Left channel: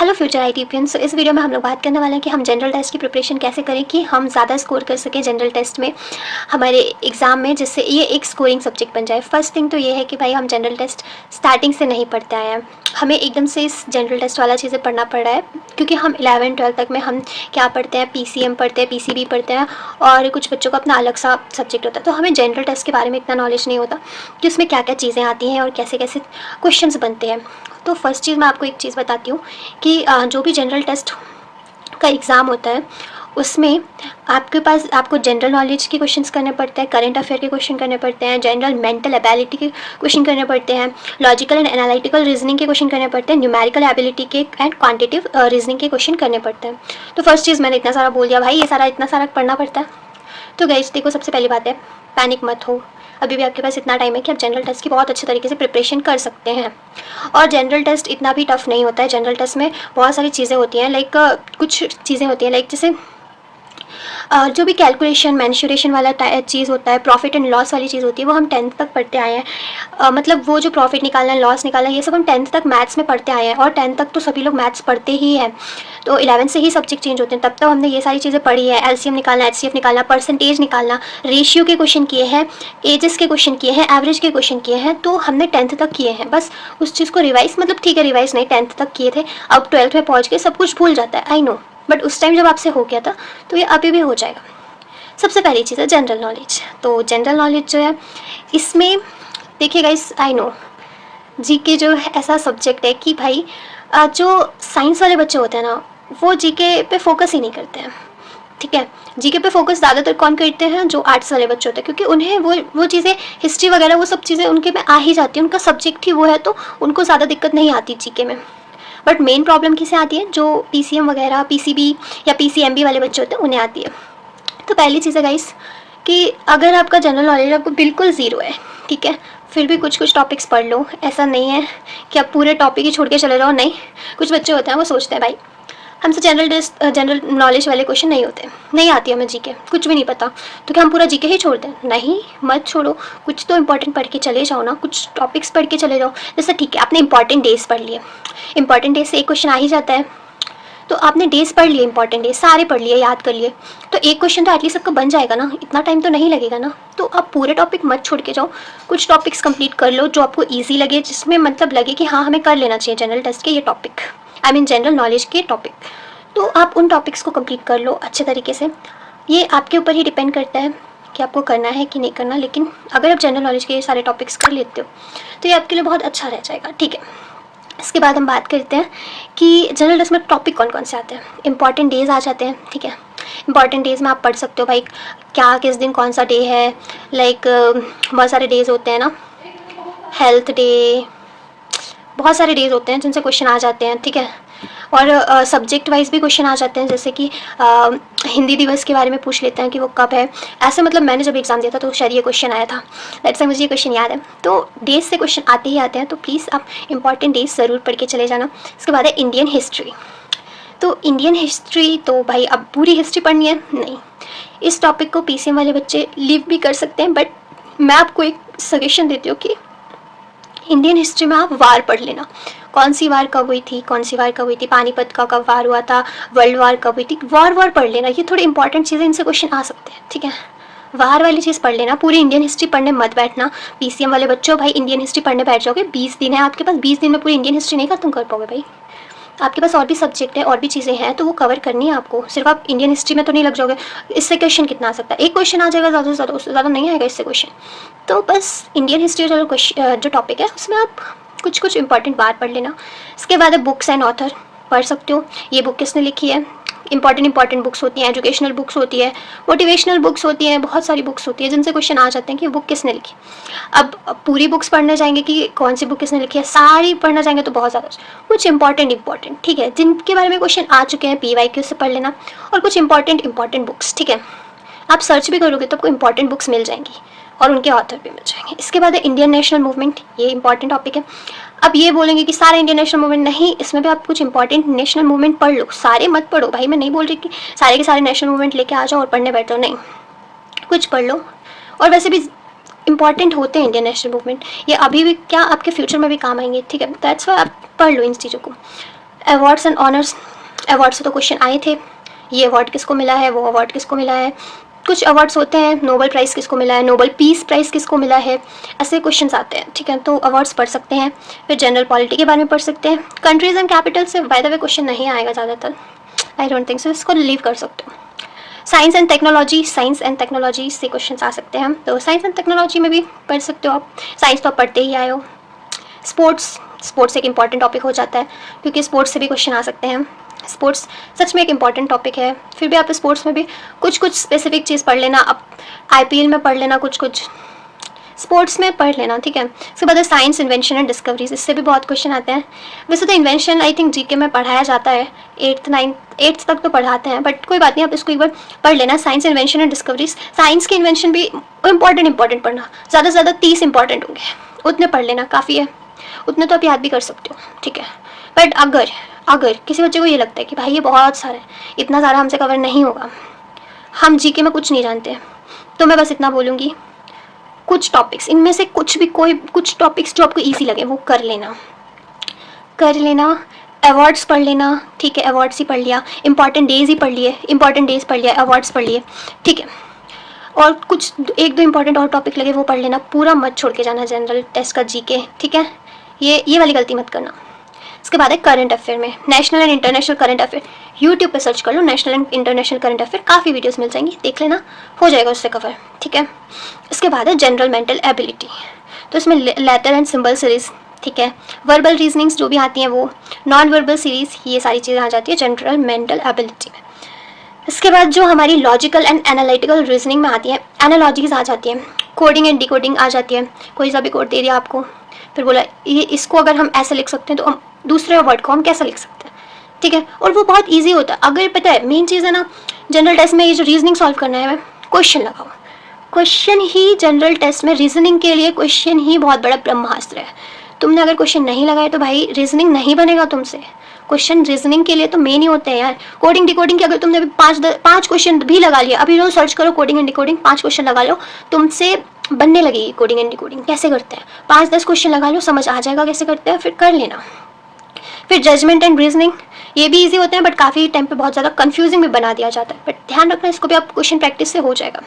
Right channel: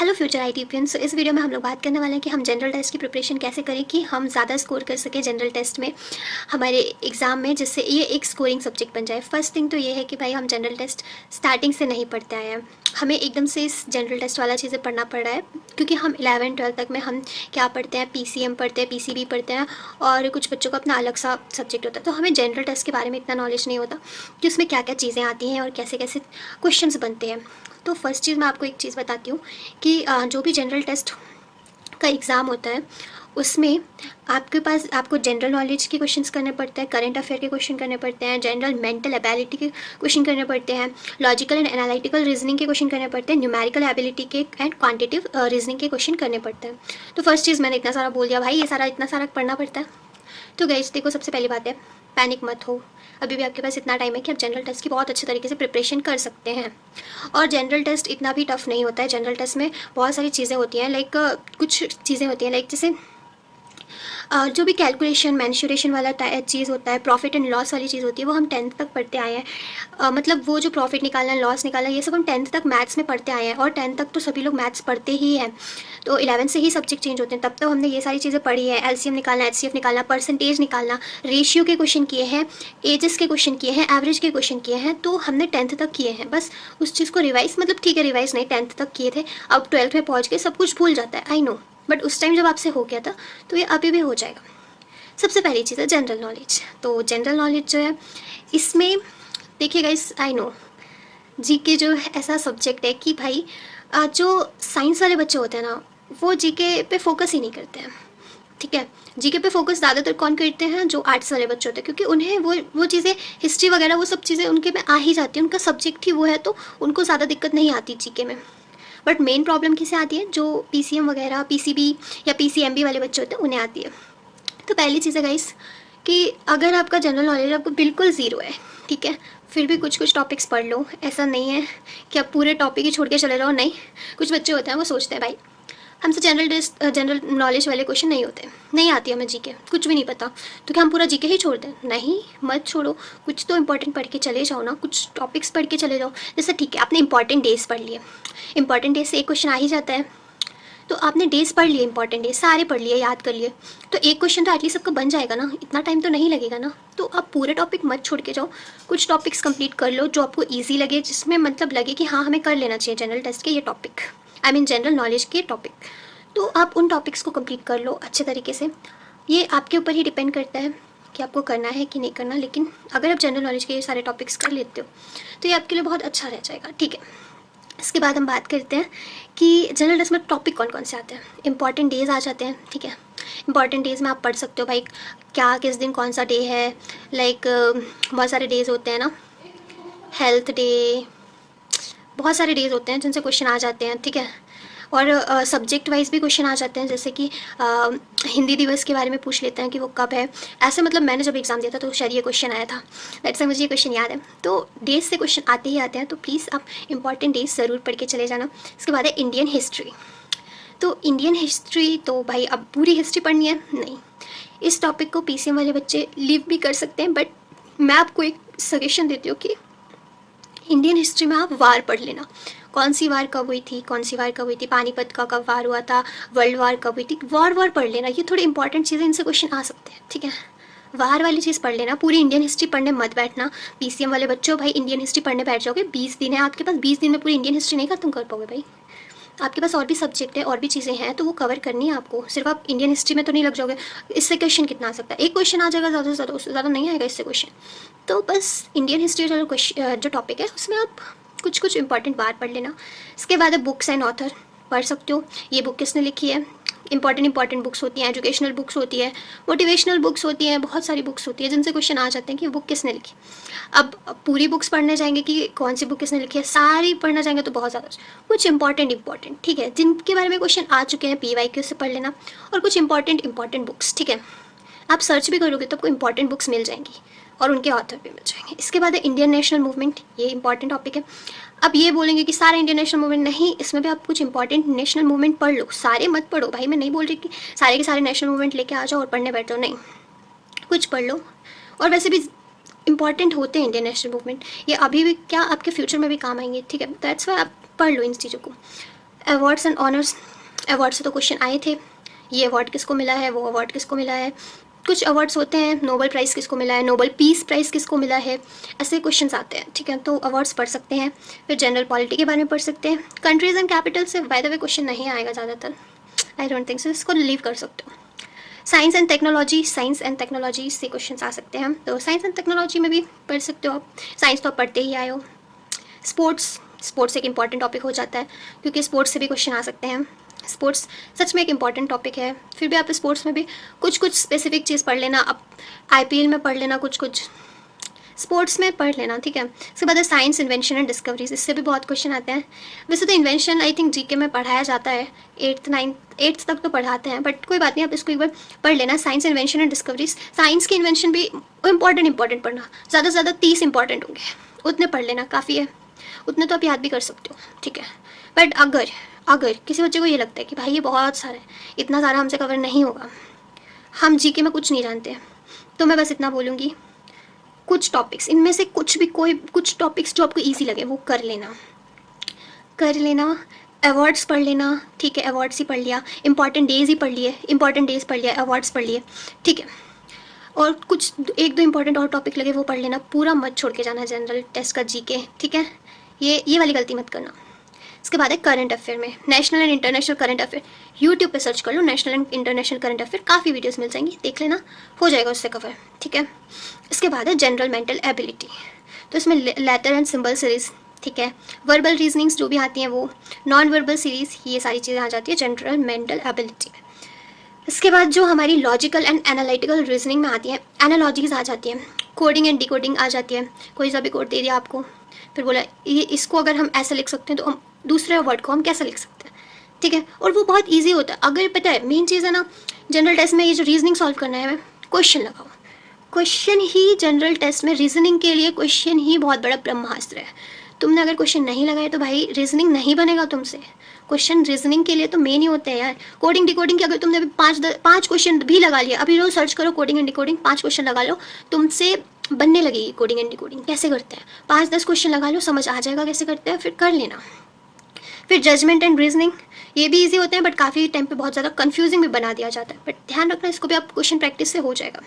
Hello future आईटीपियंस। इस video में हम लोग बात करने वाले हैं कि हम जनरल टेस्ट की प्रिपरेशन कैसे करें कि हम ज़्यादा स्कोर कर सकें जनरल टेस्ट में हमारे एग्ज़ाम में, जिससे ये एक स्कोरिंग सब्जेक्ट बन जाए। फर्स्ट थिंग तो ये है कि भाई हम जनरल टेस्ट स्टार्टिंग से नहीं पढ़ते आए हैं, हमें एकदम से इस जनरल टेस्ट वाला चीज़ें पढ़ना पड़ रहा है, क्योंकि हम 11-12 तक में हम क्या पढ़ते हैं, PCM पढ़ते हैं, PCB पढ़ते हैं, और कुछ बच्चों का अपना अलग सा सब्जेक्ट होता है। तो हमें जनरल टेस्ट के बारे में इतना नॉलेज नहीं होता कि उसमें क्या क्या चीज़ें आती हैं और कैसे कैसे क्वेश्चंस बनते हैं। तो फर्स्ट चीज़ मैं आपको एक चीज़ बताती हूँ कि जो भी जनरल टेस्ट का एग्ज़ाम होता है उसमें आपको जनरल नॉलेज के क्वेश्चंस करने पड़ते हैं, करंट अफेयर के क्वेश्चन करने पड़ते हैं, जनरल मेंटल एबिलिटी के क्वेश्चन करने पड़ते हैं, लॉजिकल एंड एनालिटिकल रीजनिंग के क्वेश्चन करने पड़ते हैं, न्यूमेरिकल एबिलिटी के एंड क्वांटिटेटिव रीजनिंग के क्वेश्चन करने पड़ते हैं। तो फर्स्ट चीज़ मैंने इतना सारा बोल दिया भाई, ये सारा इतना सारा पढ़ना पड़ता है। तो गाइस देखो, सबसे पहली बात है पैनिक मत हो, अभी भी आपके पास इतना टाइम है कि आप जनरल टेस्ट की बहुत अच्छे तरीके से प्रिपरेशन कर सकते हैं। और जनरल टेस्ट इतना भी टफ नहीं होता है। जनरल टेस्ट में बहुत सारी चीज़ें होती हैं, लाइक कुछ चीज़ें होती हैं लाइक जैसे जो भी कैलकुलेशन मैन्शुरेशन वाला चीज़ होता है, प्रॉफिट एंड लॉस वाली चीज़ होती है, वो हम 10th तक पढ़ते आए हैं। मतलब वो जो प्रॉफिट निकालना है, लॉस निकालना है, ये सब हम 10th तक मैथ्स में पढ़ते आए हैं, और 10th तक तो सभी लोग मैथ्स पढ़ते ही हैं। तो 11th से ही सब्जेक्ट चेंज होते हैं, तब तक हमने ये सारी चीज़ें पढ़ी है। LCM निकालना, HCF निकालना, परसेंटेज निकालना, रेशियो के क्वेश्चन किए हैं, एजेस के क्वेश्चन किए हैं, एवरेज के क्वेश्चन किए हैं, तो हमने 10th तक किए हैं। बस उस चीज़ को रिवाइज, मतलब ठीक है रिवाइज नहीं, 10th तक किए थे, अब 12th में पहुँच के सब कुछ भूल जाता है, आई नो, बट उस टाइम जब आपसे हो गया था तो ये अभी भी हो जाएगा। सबसे पहली चीज़ है जनरल नॉलेज। तो जनरल नॉलेज जो है, इसमें देखिए गाइस, आई नो जीके जो है ऐसा सब्जेक्ट है कि भाई जो साइंस वाले बच्चे होते हैं ना, वो जीके पे फोकस ही नहीं करते हैं। ठीक है, जीके पे फोकस ज़्यादातर कौन करते हैं, जो आर्ट्स वाले बच्चे होते हैं, क्योंकि उन्हें वो चीज़ें, हिस्ट्री वगैरह वो सब चीज़ें उनके में आ ही जाती है, उनका सब्जेक्ट ही वो है, तो उनको ज़्यादा दिक्कत नहीं आती जीके में। बट मेन प्रॉब्लम किसे आती है, जो PCM वगैरह, PCB या PCMB वाले बच्चे होते हैं, उन्हें आती है। तो पहली चीज़ है गाइस कि अगर आपका जनरल नॉलेज आपको बिल्कुल ज़ीरो है, ठीक है, फिर भी कुछ कुछ टॉपिक्स पढ़ लो। ऐसा नहीं है कि आप पूरे टॉपिक ही छोड़ के चले जाओ, नहीं। कुछ बच्चे होते हैं वो सोचते हैं भाई हमसे जनरल नॉलेज वाले क्वेश्चन नहीं होते, नहीं आती हमें जीके, कुछ भी नहीं पता, तो क्या हम पूरा जीके ही छोड़ दें? नहीं, मत छोड़ो, कुछ तो इंपॉर्टेंट पढ़ के चले जाओ ना, कुछ टॉपिक्स पढ़ के चले जाओ। जैसे ठीक है, आपने इंपॉर्टेंट डेज पढ़ लिए, इंपॉर्टेंट डेज से एक क्वेश्चन आ ही जाता है, तो आपने डेज पढ़ लिए, इंपॉर्टेंट डेज सारे पढ़ लिए, याद कर लिए, तो एक क्वेश्चन तो एटलीस्ट सबका बन जाएगा ना, इतना टाइम तो नहीं लगेगा ना। तो आप पूरे टॉपिक मत छोड़ के जाओ, कुछ टॉपिक्स कंप्लीट कर लो जो आपको इजी लगे, जिसमें मतलब लगे कि हाँ हमें कर लेना चाहिए जनरल टेस्ट के ये topic, I mean general knowledge के टॉपिक। तो आप उन टॉपिक्स को कंप्लीट कर लो अच्छे तरीके से। ये आपके ऊपर ही डिपेंड करता है कि आपको करना है कि नहीं करना, लेकिन अगर आप जनरल नॉलेज के ये सारे टॉपिक्स कर लेते हो तो ये आपके लिए बहुत अच्छा रह जाएगा। ठीक है, इसके बाद हम बात करते हैं कि जनरल टेस्ट में टॉपिक कौन कौन से आते हैं। इंपॉर्टेंट डेज आ जाते हैं, ठीक है, इंपॉर्टेंट डेज में आप पढ़ सकते हो भाई क्या किस दिन कौन सा डे है, लाइक बहुत सारे डेज होते हैं ना, हेल्थ डे, बहुत सारे डेज होते हैं जिनसे क्वेश्चन आ जाते हैं। ठीक है, और सब्जेक्ट वाइज भी क्वेश्चन आ जाते हैं, जैसे कि हिंदी दिवस के बारे में पूछ लेते हैं कि वो कब है। ऐसे मतलब मैंने जब एग्ज़ाम दिया था तो शायद ये क्वेश्चन आया था, दैट्स मुझे ये क्वेश्चन याद है। तो डेज से क्वेश्चन आते ही आते हैं, तो प्लीज़ आप इंपॉर्टेंट डेज ज़रूर पढ़ के चले जाना। इसके बाद है इंडियन हिस्ट्री। तो इंडियन हिस्ट्री तो भाई अब पूरी हिस्ट्री पढ़नी है नहीं, इस टॉपिक को PCM वाले बच्चे लीव भी कर सकते हैं, बट मैं आपको एक सजेशन देती हूँ कि इंडियन हिस्ट्री में आप वार पढ़ लेना, कौन सी वार कब हुई थी, कौन सी वार कब हुई थी, पानीपत का कब वार हुआ था, वर्ल्ड वार कब हुई थी, वार पढ़ लेना, ये थोड़ी इंपॉर्टेंट चीज़ें, इनसे क्वेश्चन आ सकते हैं। ठीक है, वार वाली चीज़ पढ़ लेना, पूरी इंडियन हिस्ट्री पढ़ने मत बैठना। PCM वाले बच्चों भाई इंडियन हिस्ट्री पढ़ने बैठ जाओगे, 20 दिन है आपके पास, 20 दिन में पूरी इंडियन हिस्ट्री नहीं खत्म कर पाओगे भाई। आपके पास और भी सब्जेक्ट है, और भी चीज़ें हैं, तो वो कवर करनी है आपको, सिर्फ आप इंडियन हिस्ट्री में तो नहीं लग जाओगे। इससे क्वेश्चन कितना आ सकता है, एक क्वेश्चन आ जाएगा ज़्यादा से ज़्यादा, उससे ज़्यादा नहीं आएगा इससे क्वेश्चन। तो बस इंडियन हिस्ट्री जो टॉपिक है उसमें आप कुछ कुछ इंपॉर्टेंट बात पढ़ लेना। इसके बाद है बुक्स एंड ऑथर, पढ़ सकते हो ये बुक किसने लिखी है। इंपॉर्टेंट बुक्स होती हैं, एजुकेशनल बुक्स होती है, मोटिवेशनल बुक्स होती हैं, बहुत सारी बुक्स होती है जिनसे क्वेश्चन आ जाते हैं कि बुक किसने लिखी। अब पूरी बुक्स पढ़ने जाएंगे कि कौन सी बुक किसने लिखी है, सारी पढ़ना चाहेंगे तो बहुत ज़्यादा, कुछ इंपॉर्टेंट ठीक है जिनके बारे में क्वेश्चन आ चुके हैं PYQ से पढ़ लेना, और कुछ इंपॉर्टेंट बुक्स। ठीक है, आप सर्च भी करोगे तो आपको इंपॉर्टेंट बुक्स मिल जाएंगी और उनके ऑथर भी मिल जाएंगे। इसके बाद है इंडियन नेशनल मूवमेंट, ये इंपॉर्टेंट टॉपिक है। अब ये बोलेंगे कि सारा इंडियन नेशनल मूवमेंट, नहीं, इसमें भी आप कुछ इंपॉर्टेंट नेशनल मूवमेंट पढ़ लो, सारे मत पढ़ो भाई, मैं नहीं बोल रही कि सारे के सारे नेशनल मूवमेंट लेके आ जाओ और पढ़ने बैठो, नहीं, कुछ पढ़ लो। और वैसे भी इंपॉर्टेंट होते हैं इंडियन नेशनल मूवमेंट, ये अभी भी क्या आपके फ्यूचर में भी काम आएंगे। ठीक है, दैट्स वाई आप पढ़ लो इन चीज़ों को। अवार्ड्स एंड ऑनर्स, अवार्ड से तो क्वेश्चन आए थे, ये अवार्ड किसको मिला है, वो अवार्ड किसको मिला है। कुछ अवार्ड्स होते हैं, नोबेल प्राइज़ किसको मिला है, नोबेल पीस प्राइज़ किसको मिला है, ऐसे क्वेश्चंस आते हैं, ठीक है। तो अवार्ड्स पढ़ सकते हैं। फिर जनरल पॉलिटी के बारे में पढ़ सकते हैं। कंट्रीज़ एंड कैपिटल से बाय द वे क्वेश्चन नहीं आएगा ज़्यादातर, आई डोंट थिंक सो, इसको लीव कर सकते हो। Science and technology, science and technology से क्वेश्चन आ सकते हैं, तो साइंस एंड टेक्नोलॉजी में भी पढ़ सकते हो आप। साइंस तो आप पढ़ते ही आए हो। स्पोर्ट्स एक इंपॉर्टेंट टॉपिक हो जाता है, क्योंकि स्पोर्ट्स से भी क्वेश्चन आ सकते हैं। स्पोर्ट्स सच में एक इम्पॉर्टेंट टॉपिक है। फिर भी आप स्पोर्ट्स में भी कुछ स्पेसिफिक चीज़ पढ़ लेना, आप IPL में पढ़ लेना, कुछ स्पोर्ट्स में पढ़ लेना, ठीक है। उसके बाद है साइंस, इन्वेंशन एंड डिस्कवरीज, इससे भी बहुत क्वेश्चन आते हैं। वैसे तो इन्वेंशन आई थिंक GK में पढ़ाया जाता है, 8th तक तो पढ़ाते हैं, बट कोई बात नहीं, आप इसको एक बार पढ़ लेना। Science, invention and discoveries, science के इन्वेंशन भी इंपॉर्टेंट पढ़ना, ज़्यादा से ज़्यादा 30 इंपॉर्टेंट होंगे, उतने पढ़ लेना, काफ़ी है, उतने तो आप याद भी कर सकते हो, ठीक है। बट अगर किसी बच्चे को ये लगता है कि भाई ये बहुत सारा है, इतना सारा हमसे कवर नहीं होगा, हम GK में कुछ नहीं जानते, तो मैं बस इतना बोलूँगी, कुछ टॉपिक्स, इनमें से कुछ टॉपिक्स जो आपको ईजी लगे वो कर लेना। अवार्ड्स पढ़ लेना, ठीक है, अवार्ड्स ही पढ़ लिया, इंपॉर्टेंट डेज पढ़ लिया, अवार्ड्स पढ़ लिए, ठीक है। और कुछ 1-2 इंपॉर्टेंट और टॉपिक लगे वो पढ़ लेना, पूरा मत छोड़ के जाना जनरल टेस्ट का GK, ठीक है। ये वाली गलती मत करना। इसके बाद है करंट अफेयर में, national and international current affair, YouTube पे सर्च कर लो national and international current affair, काफ़ी वीडियोस मिल जाएंगी, देख लेना, हो जाएगा उससे कवर, ठीक है। इसके बाद है जनरल मेंटल एबिलिटी, तो इसमें लेटर एंड सिंबल सीरीज, ठीक है, वर्बल रीजनिंग्स जो भी आती हैं वो, नॉन वर्बल सीरीज, ये सारी चीज़ें आ जाती है जनरल मेंटल एबिलिटी में। इसके बाद जो हमारी लॉजिकल एंड एनालिटिकल रीजनिंग में आती है, एनालॉजीज आ जाती हैं, कोडिंग एंड डिकोडिंग आ जाती है, कोई सा भी कोड दे दिया आपको, फिर बोला ये इसको अगर हम ऐसे लिख सकते हैं तो हम दूसरे वर्ड को हम कैसे लिख सकते हैं, ठीक है। और वो बहुत इजी होता है। अगर पता है मेन चीज़ है ना जनरल टेस्ट में, ये जो रीजनिंग सॉल्व करना है, क्वेश्चन लगाओ, क्वेश्चन ही जनरल टेस्ट में रीजनिंग के लिए क्वेश्चन ही बहुत बड़ा ब्रह्मास्त्र है। तुमने अगर क्वेश्चन नहीं लगाए तो भाई रीजनिंग नहीं बनेगा तुमसे। क्वेश्चन रीजनिंग के लिए तो मेन ही होते हैं यार। कोडिंग डिकोडिंग के अगर तुमने अभी 5 क्वेश्चन भी लगा लिया, अभी रोज सर्च करो कोडिंग एंड डिकोडिंग, 5 क्वेश्चन लगा लो, तुमसे बनने लगेगी कोडिंग एंड डिकोडिंग कैसे करते हैं। 5-10 क्वेश्चन लगा लो, समझ आ जाएगा कैसे करते हैं, फिर कर लेना। फिर जजमेंट एंड रीजनिंग, ये भी इजी होते हैं बट काफ़ी टाइम पे बहुत ज़्यादा कंफ्यूजिंग भी बना दिया जाता है, बट ध्यान रखना इसको भी आप क्वेश्चन प्रैक्टिस से हो जाएगा।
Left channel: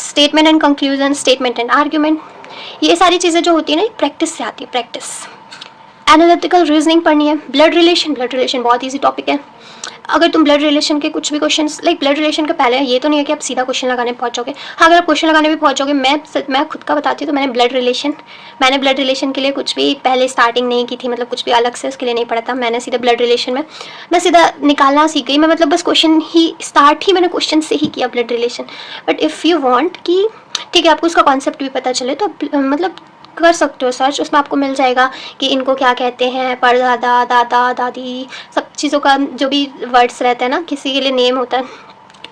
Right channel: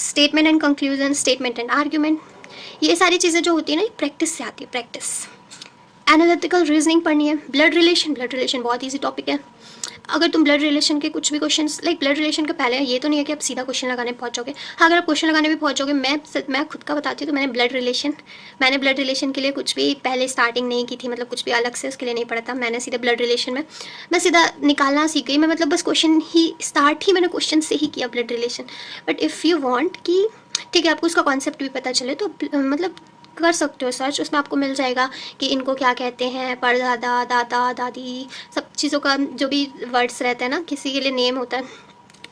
Statement and conclusion, statement and argument, ये सारी चीज़ें जो होती है ना प्रैक्टिस से आती है, प्रैक्टिस। एनालिटिकल रीजनिंग पढ़नी है। ब्लड रिलेशन बहुत ईजी टॉपिक है। अगर तुम ब्लड रिलेशन के कुछ भी क्वेश्चन, लाइक ब्लड रिलेशन के पहले ये तो नहीं है कि आप सीधा क्वेश्चन लगाने पहुंचोगे। हाँ, अगर आप क्वेश्चन लगाने भी पहुंचोगे, मैं खुद का बताती हूँ तो मैंने ब्लड रिलेशन के लिए कुछ भी पहले स्टार्टिंग नहीं की थी, मतलब कुछ भी अलग से उसके लिए नहीं पढ़ा था। मैंने सीधा ब्लड रिलेशन में मैं सीधा निकालना सीख गई। मैं मतलब बस क्वेश्चन ही स्टार्ट ही मैंने क्वेश्चन से ही किया blood relation. But if you want कि ठीक है आपको उसका कॉन्सेप्ट भी पता चले तो मतलब कर सकते हो सर्च, उसमें आपको मिल जाएगा कि इनको क्या कहते हैं, परदादा, दादा, दादी, सब चीज़ों का जो भी वर्ड्स रहता है ना, किसी के लिए नेम होता है,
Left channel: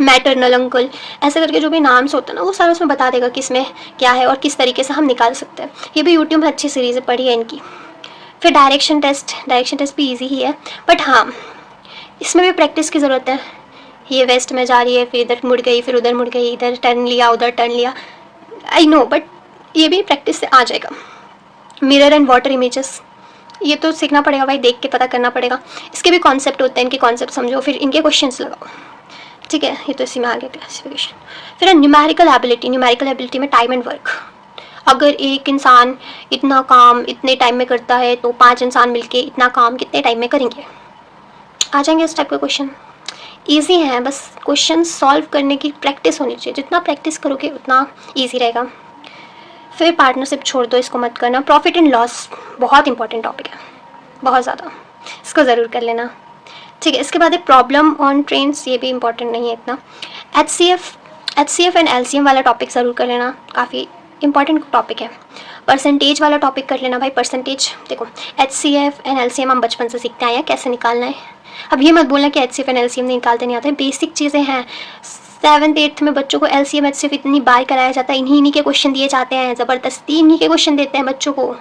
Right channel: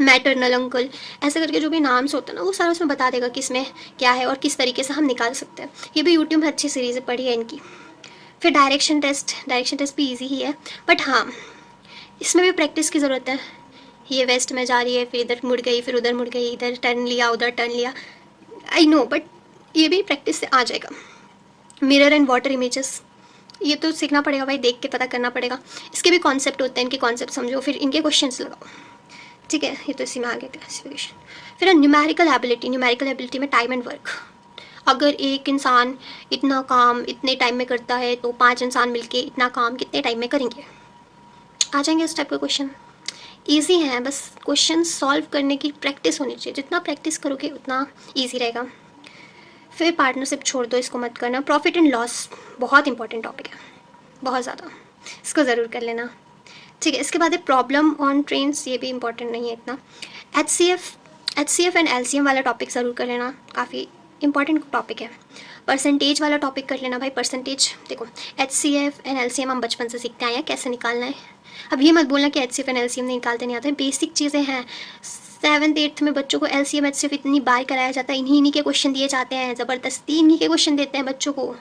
मैटरनल अंकल, ऐसे करके जो भी नाम्स होता है ना वो सारा उसमें बता देगा किसमें क्या है और किस तरीके से हम निकाल सकते हैं। ये भी यूट्यूब में अच्छी सीरीज़ पढ़ी है इनकी। फिर डायरेक्शन टेस्ट भी ईजी ही है, बट हाँ इसमें भी प्रैक्टिस की ज़रूरत है। ये वेस्ट में जा रही है, फिर इधर मुड़ गई, फिर उधर मुड़ गई, इधर टर्न लिया, उधर टर्न लिया, आई नो, बट ये भी प्रैक्टिस से आ जाएगा। मिरर एंड वाटर इमेजेस, ये तो सीखना पड़ेगा भाई, देख के पता करना पड़ेगा। इसके भी कॉन्सेप्ट होते हैं, इनके कॉन्सेप्ट समझो, फिर इनके क्वेश्चंस लगाओ, ठीक है। ये तो इसी में आ गया क्लासिफिकेशन। फिर न्यूमेरिकल एबिलिटी में टाइम एंड वर्क। अगर एक इंसान इतना काम इतने टाइम में करता है तो 5 इंसान मिलके इतना काम कितने टाइम में करेंगे, आ जाएंगे इस टाइप के क्वेश्चन। ईजी है, बस क्वेश्चन सॉल्व करने की प्रैक्टिस होनी चाहिए, जितना प्रैक्टिस करोगे उतना ईजी रहेगा। फिर पार्टनरशिप छोड़ दो, इसको मत करना। प्रॉफिट एंड लॉस बहुत इंपॉर्टेंट टॉपिक है, बहुत ज़्यादा, इसको ज़रूर कर लेना, ठीक है। इसके बाद है प्रॉब्लम ऑन ट्रेन्स, ये भी इंपॉर्टेंट नहीं है इतना। HCF एंड LCM वाला टॉपिक ज़रूर कर लेना, काफ़ी इंपॉर्टेंट टॉपिक है। परसेंटेज वाला टॉपिक कर लेना भाई, परसेंटेज देखो HCF एंड LCM हम बचपन से सीखते आए हैं कैसे निकालना है। अब ये मत बोलना कि HCF एंड LCM निकालते नहीं आते, बेसिक चीज़ें हैं। 7th 8th में बच्चों को LCM HCF इतनी बार कराया जाता है, इन्हीं के क्वेश्चन दिए जाते हैं, ज़बरदस्ती इन्हीं के क्वेश्चन देते हैं बच्चों को।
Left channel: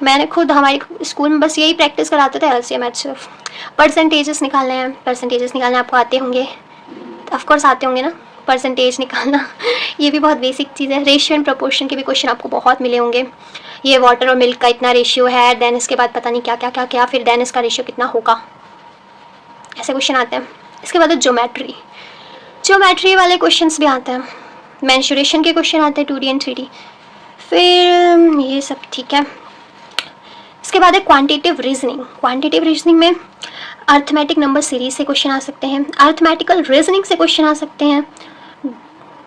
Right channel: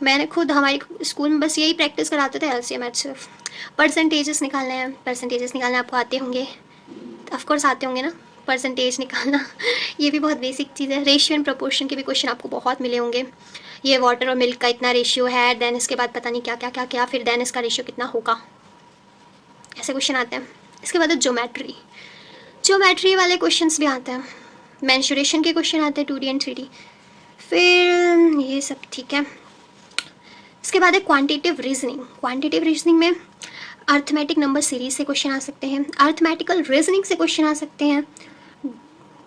मैंने खुद हमारे स्कूल में बस यही प्रैक्टिस कराते थे, LCM HCF। परसेंटेजेस निकालने हैं, आपको आते होंगे, ऑफकोर्स आते होंगे ना परसेंटेज निकालना, ये भी बहुत बेसिक चीज़ है। रेशियो एंड प्रोपोर्शन के भी क्वेश्चन आपको बहुत मिले होंगे। ये वाटर और मिल्क का इतना रेशियो है, देन इसके बाद पता नहीं क्या क्या क्या क्या, फिर देन इसका रेशियो कितना होगा, ऐसे क्वेश्चन आते हैं। इसके बाद है ज्योमेट्री वाले क्वेश्चंस भी आते हैं, मेंसुरेशन के क्वेश्चन आते हैं 2D एंड 3D, फिर ये सब ठीक है। इसके बाद है क्वांटिटेटिव रीजनिंग में अर्थमेटिक नंबर सीरीज से क्वेश्चन आ सकते हैं, अर्थमेटिकल रीजनिंग से क्वेश्चन आ सकते हैं,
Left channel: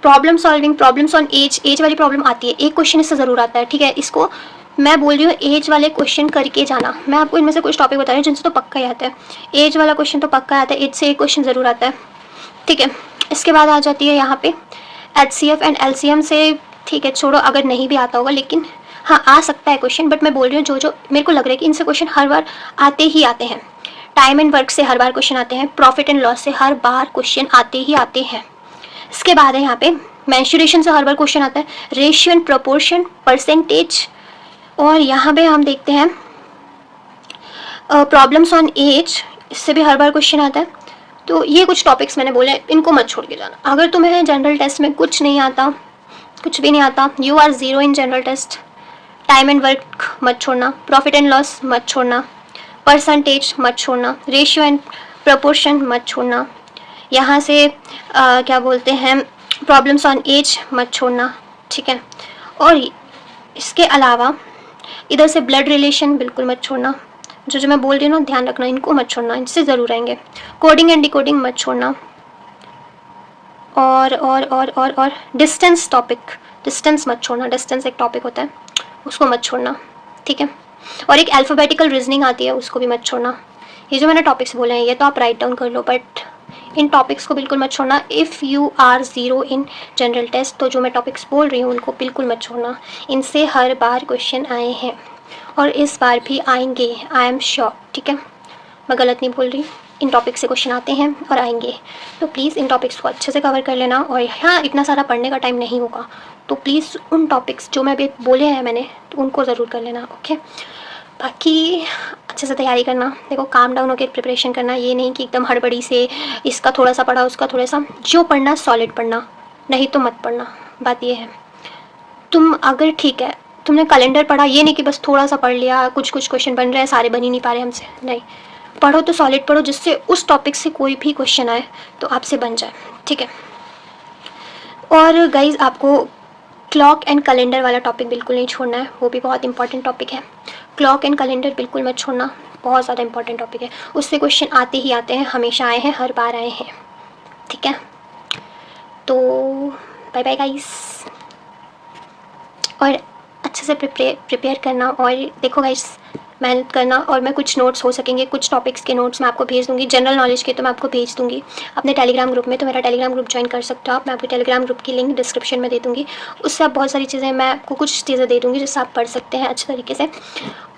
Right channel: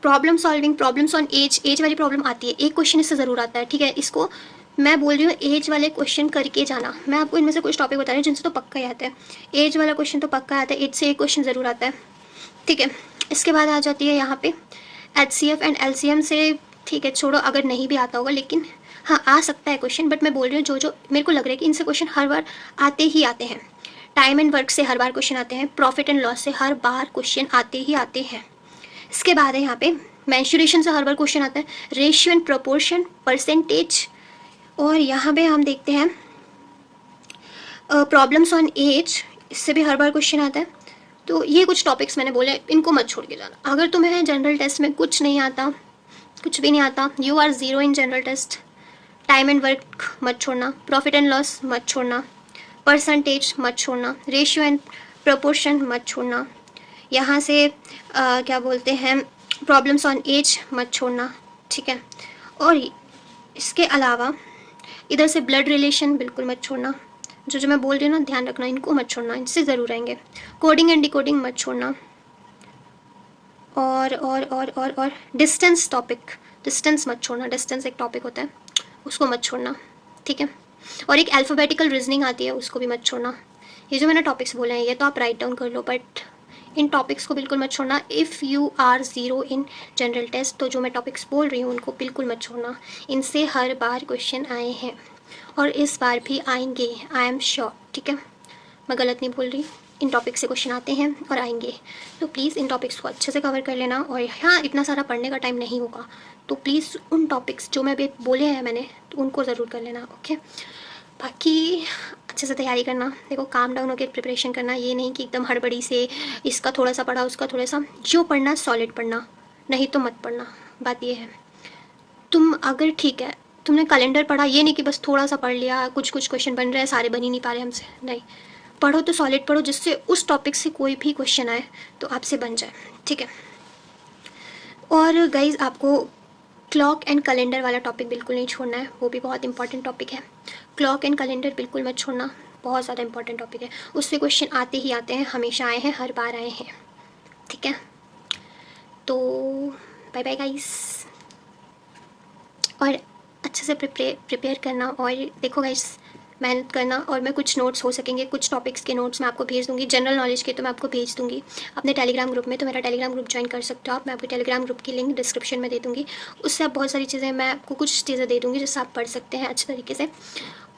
problem solving, problems on age वाली प्रॉब्लम आती है, एक क्वेश्चन इससे ज़रूर आता है, ठीक है। इसको मैं बोल रही हूँ एज वाले क्वेश्चन करके जाना, मैं आपको इनमें से कुछ टॉपिक बता रही हूँ जिनसे तो पक्का ही आता है, एज वाला क्वेश्चन तो पक्का आता है, एज से एक क्वेश्चन ज़रूर आता है, ठीक है। इसके बाद आ जाती है यहाँ पे HCF एंड LCM से, ठीक है छोड़ो, अगर नहीं भी आता होगा लेकिन हाँ आ सकता है क्वेश्चन, बट मैं बोल रही हूँ जो मेरे को लग रहा है कि इनसे क्वेश्चन हर बार आते ही आते हैं। टाइम एंड वर्क से हर बार क्वेश्चन आते हैं, प्रॉफिट एंड लॉस से हर बार क्वेश्चन आते ही आते हैं। इसके बाद है यहाँ पे मेंसुरेशन से हर बार क्वेश्चन आता है, रेशियो एंड प्रोपोर्शन, परसेंटेज, और यहाँ पे हम देखते हैं प्रॉब्लम्स ऑन एज, इससे भी हर बार क्वेश्चन आता है। तो ये कुछ टॉपिक्स मैंने बोले, इनको मत छोड़ के जाना। अगर तुम्हें जनरल टेस्ट में कुछ नहीं आता, कुछ भी नहीं आता, you are 0 in general test. Time and work मत छोड़ना, प्रॉफिट एंड लॉस मत छोड़ना, परसेंटेज मत छोड़ना, रेशियो एंड प्रोपोर्शन मत छोड़ना, यहाँ से क्या बोलते हैं प्रॉब्लम्स ऑन एज मत छोड़ना, ठीक है। और इसके अलावा इधर से ब्लड रिलेशन बिल्कुल मत छोड़ना, जो मैं बोल रही हूँ ना ध्यान रखना, इनको मत छोड़ना, इनसे ज़रूर आएंगे। कोडिंग एंड डिकोडिंग मत छोड़ना, और डिस्टेंस मत छोड़ना, डिस्टेंस एक टॉपिक होता है उसको मत छोड़ना, ठीक है। और एक अल्फ़ाबेटिकल रीजनिंग आती है, उसको भी मत छोड़ना। ये जो मैंने टॉपिक्स बोले हैं ये तो आप राइट डाउन कर लो, बट इन टॉपिक्स को बिल्कुल मत छोड़ना। If you are 0 in general test, तो जो मैं टॉपिक्स बोल रही हूँ उनको बिल्कुल मत छोड़ना, इनसे हर बार क्वेश्चन आए हैं और इस बार भी आएंगे, आई एम श्योर, ठीक है। मैं गलत नहीं बोल रही, इन टॉपिक्स से क्वेश्चन आते हैं और आएंगे, तो प्लीज़ इन टॉपिक्स को अच्छे से कवर कर लेना। और हाँ, इतना सारा पढ़ने का टाइम नहीं होगा, तो प्लीज़ उन टॉपिक्स जो मैं अभी बोले हैं मैंने, तो उनको ज़रूर कर लेना, ओके। बाकी अच्छे से तैयारी करना, देखो काम डाउन होकर प्रिपरेशन करना, ये नहीं कि एकदम हड़बड़ी से इसका थोड़ा सा पढ़ा उसका थोड़ा सा, जो पढ़ना सॉलिड पढ़ना, नहीं तो मत पढ़ना। बात ये है, तुम अगर ठीक है तुमने कैलेंडर पढ़ा, ये नहीं कि बस थोड़ा सा पढ़ लिया, कुछ क्वेश्चन बन रहे हैं, सारे बन ही नहीं पा रहे हमसे, नहीं, पढ़ो तो सॉलिड पढ़ो, जिससे उस टॉपिक से कोई भी क्वेश्चन आए तो आपसे बन जाए, ठीक है। और गाइज आपको क्लॉक एंड कैलेंडर वाला टॉपिक बिल्कुल नहीं छोड़ना है, वो भी बहुत इंपॉर्टेंट टॉपिक है। क्लॉक एंड कैलेंडर बिल्कुल मत छोड़ना, बहुत ज़्यादा इंपॉर्टेंट टॉपिक है, उससे क्वेश्चन आते ही आते हैं, हमेशा आए हैं, हर बार आए हैं, ठीक है। तो बाय बाय गाइस, और अच्छे से प्रिपेयर करना, और देखो गाइस मेहनत करना। और मैं कुछ नोट्स हो सकेंगे, कुछ टॉपिक्स के नोट्स मैं आपको भेज दूँगी, जनरल नॉलेज के तो मैं आपको भेज दूँगी अपने टेलीग्राम ग्रुप में, तो मेरा टेलीग्राम ग्रुप ज्वाइन कर सकते हो आप, मैं आपको टेलीग्राम ग्रुप की लिंक डिस्क्रिप्शन में दे दूँगी, उससे आप बहुत सारी चीज़ें, मैं आपको कुछ चीज़ें दे दूँगी जिससे आप पढ़ सकते हैं अच्छे तरीके से।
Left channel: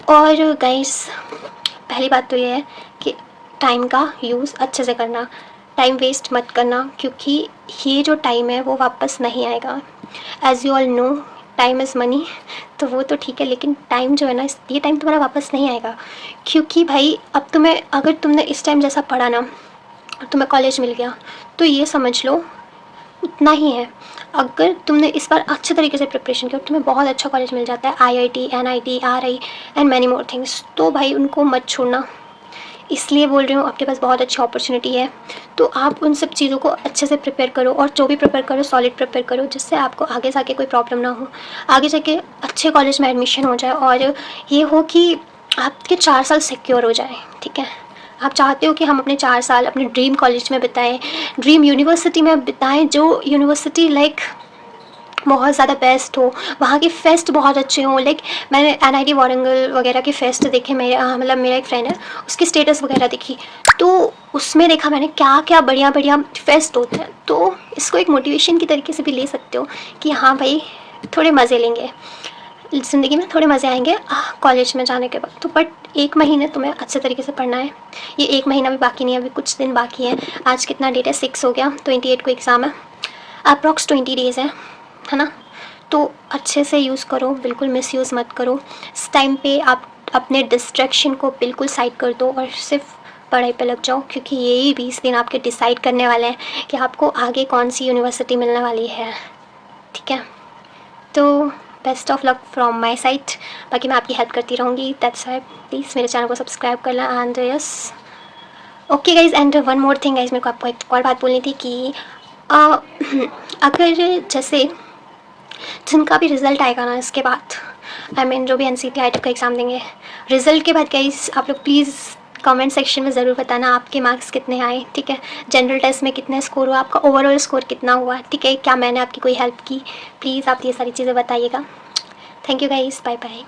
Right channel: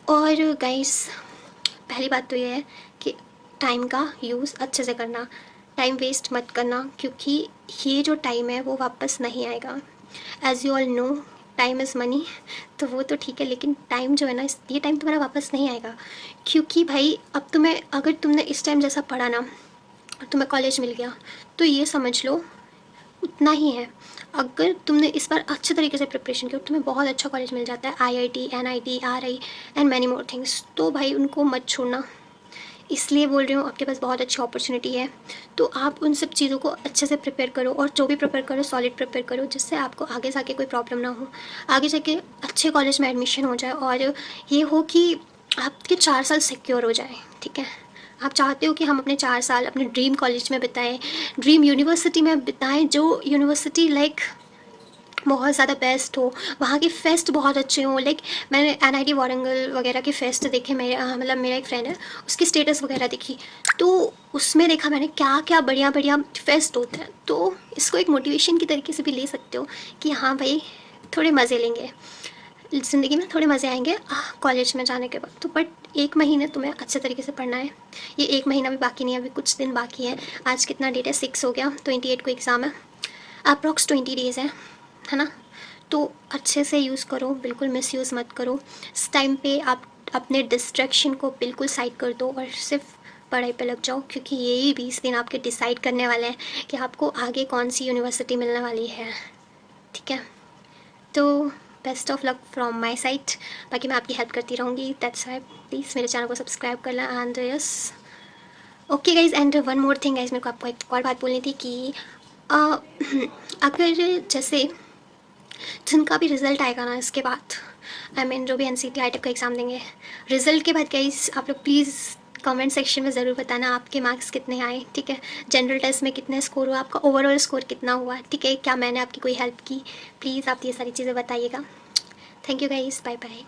और गाइस पहली बात तो ये है कि टाइम का यूज़ अच्छे से करना, टाइम वेस्ट मत करना, क्योंकि ये जो टाइम है वो वापस नहीं आएगा। As you all know time is money, तो वो तो ठीक है, लेकिन टाइम जो है ना, ये टाइम तुम्हारा वापस नहीं आएगा। क्योंकि भाई अब तुम्हें, अगर तुमने इस टाइम जैसा पढ़ा ना और तुम्हें कॉलेज मिल गया, तो ये समझ लो उतना ही है। अगर तुमने इस बार अच्छे तरीके से प्रिपरेशन किया, तुम्हें बहुत अच्छा कॉलेज मिल जाता है, IIT, NIT, RI and many more things, तो भाई उनको मत छोड़ना। इसलिए बोल रही हूँ, आपके पास बहुत अच्छी अपॉर्चुनिटी है, तो आप उन सब चीज़ों को अच्छे से प्रिपेयर करो, और जो भी प्रिपेयर करो सॉलिड प्रिपेयर करो, जिससे आपको आगे जाके कोई प्रॉब्लम ना हो, आगे जाके अच्छे कॉलेज में एडमिशन हो जाए, और ये हो कि आपके 4 साल सिक्योर हो जाए, ठीक है। आप चाहते हो कि हम अपने 4 साल अपने ड्रीम कॉलेज में बिताएं, ड्रीम यूनिवर्सिटी में बिताएं, जो यूनिवर्सिटी लाइक बहुत ज़्यादा बेस्ट हो, वहाँ के फेस्ट बहुत अच्छे हों। लाइक मैंने NIT वारंगल वगैरह के फेस्ट देखे, मेरे मतलब मेरा एक फ्रेंड है, उसकी स्टेटस वगैरह देखी, तो उसमें देखा मैंने क्या क्या बढ़िया बढ़िया फेस्ट होते हैं। तो इसको एक मोटिवेशन की तरीके से भी ले सकते हो कि हाँ भाई थोड़े मज़े लेंगे ज़िंदगी में, थोड़े मज़े आएंगे कॉलेज में जाने के बाद। तो बट 1 महीने तुम्हें अच्छे तरीके से पढ़ना है, ये 1 महीना भी बाकी नहीं है, अभी कुछ दिन बाकी है। आज कितना डेट है, 6 हो गया, 28 को एग्ज़ाम है, अप्रॉक्स 20 डेज़ है ना। तो अच्छे से यूज़ करो, बिल्कुल मिसयूज़ मत करो। इस टाइम पे आप अपने डिस्ट्रैक्शन को बिल्कुल साइड कर दो और सिर्फ पढ़ाई पे लग जाओ, क्योंकि यही 20 दिन आपके डिसाइड करने वाले हैं कि आपको आगे कौन सी यूनिवर्सिटी मिलने वाली है, ठीक है। तो best of luck from my side, बाकी मैं आपकी हेल्प करती रहूँगी, दैट्स वाई प्लीज़ मेरे चैनल को सब्सक्राइब करना। And yes, okay guys, and one more thing guys, मेरे को आपको एक और बात बोलनी थी कि अगर जैसे जिनका भी रिज़ल्ट आएगा ना इसके बाद, आई मीन जो भी NCT का एग्ज़ाम देंगे, रिज़ल्ट के बाद गाइज आप लोग प्लीज़ कमेंट सेक्शन में ज़रूर बताना आपके मार्क्स कितने आए, ठीक है, जनरल टेस्ट में कितने स्कोर हुआ, आपका ओवरऑल स्कोर कितना हुआ, ठीक है, क्या मैंने आपकी कोई हेल्प की, प्लीज़ आप ये सारी चीज़ें बताइएगा। Thank you guys, bye bye.